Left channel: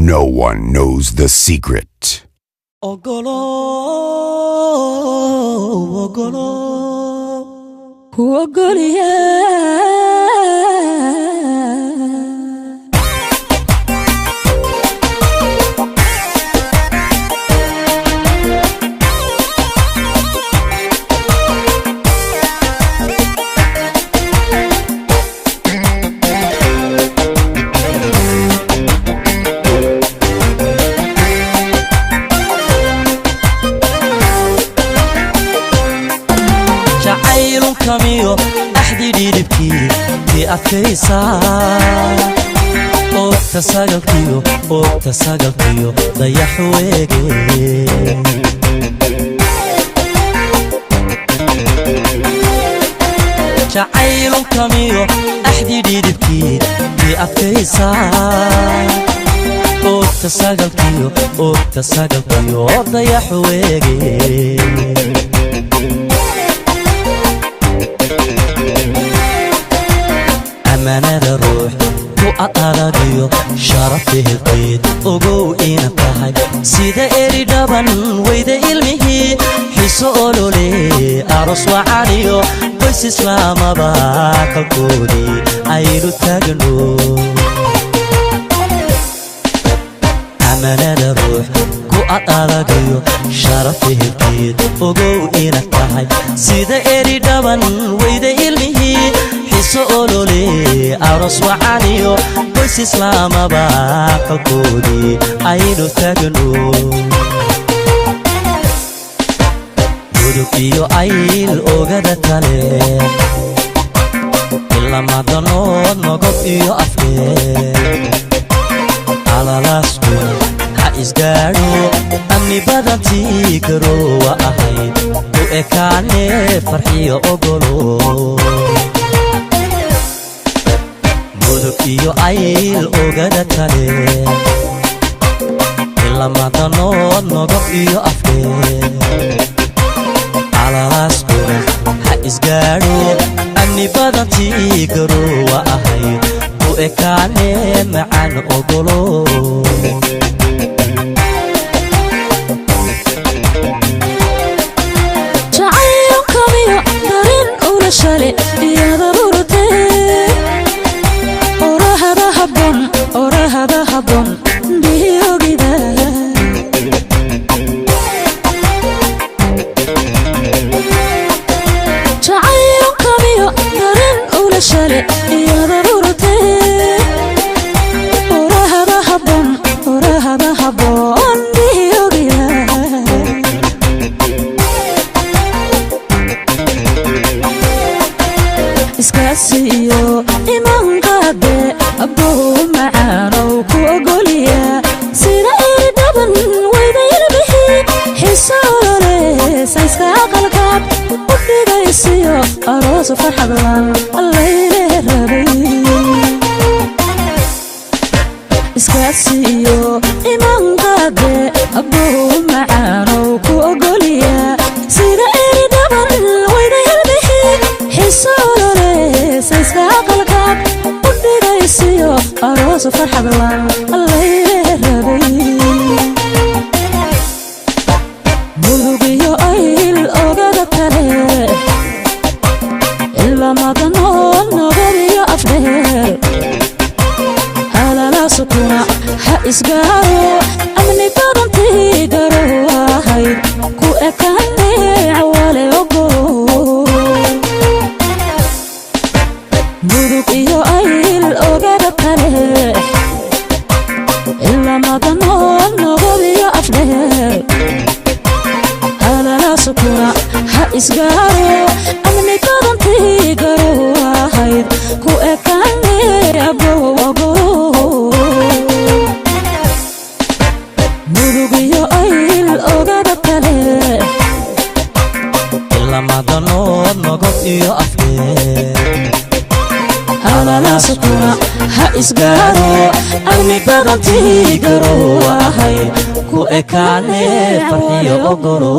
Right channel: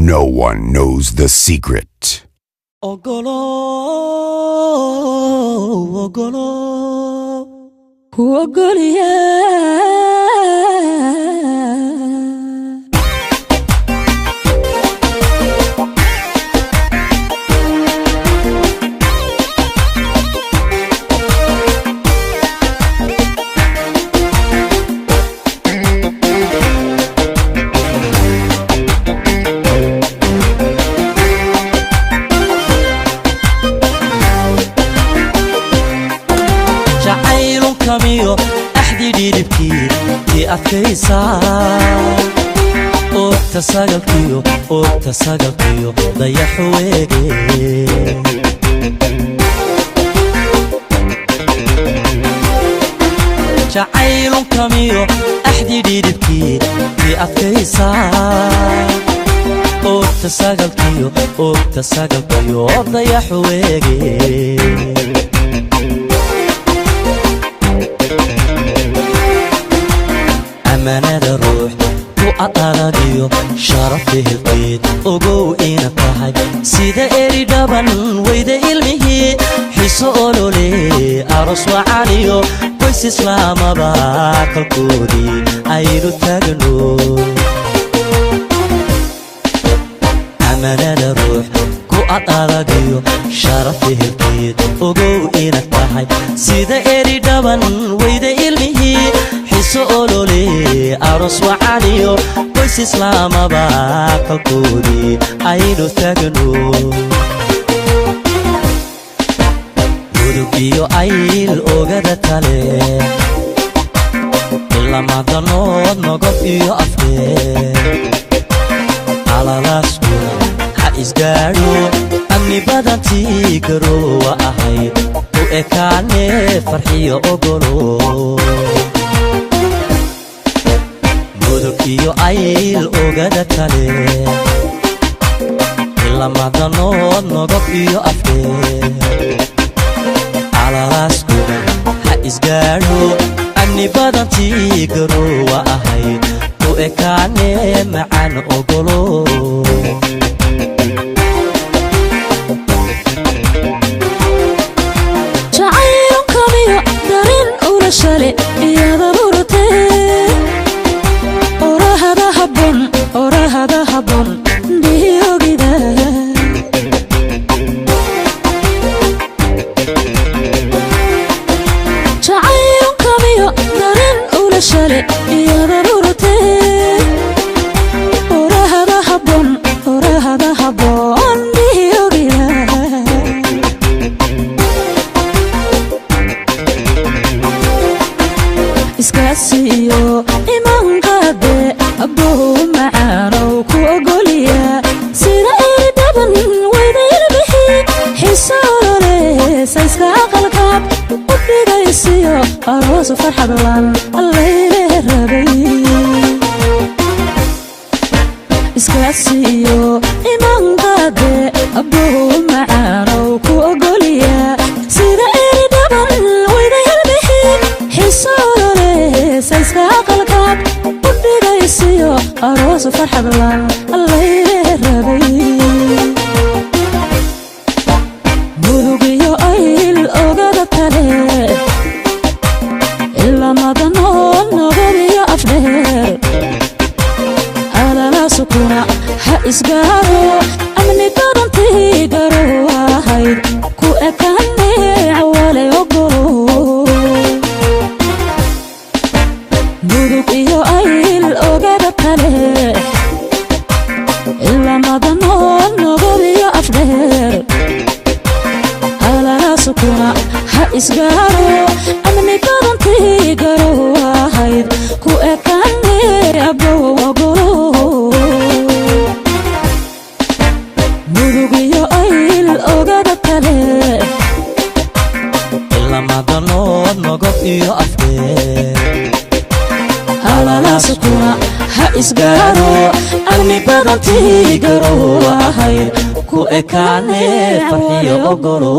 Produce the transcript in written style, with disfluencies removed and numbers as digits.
No one knows the secret. Ogolo, ogolo, ogolo, تساقطيو ضيح ويدي جعيل كميو أحدي ديدكي بأفيسا تساقطيو ضيح ويدي أمانة الروح وأطرديو شرفه القيد ogow ina tahay sida eri dhaban wayda ilmihi xiso olole aros wacaaniyo qoys islaamaba ka koodi aynu taagno amanada ruux ku aqaladiyo sharafihi qiyid ogow ina tahay sida eri dhaban wayda ilmihi xiso olole aros wacaaniyo qoys islaamaba كودي عيدو تاجنو يوربيو عيل اوغادا تالي إلا ما ضنو نضب إيو أفكي على ناسكو حايز داري أمي بدنتي كرو وأحي بإكاني فرحي أقولو يوربيو عيل اوغادا تالي ku ekaane farxiyo ogolo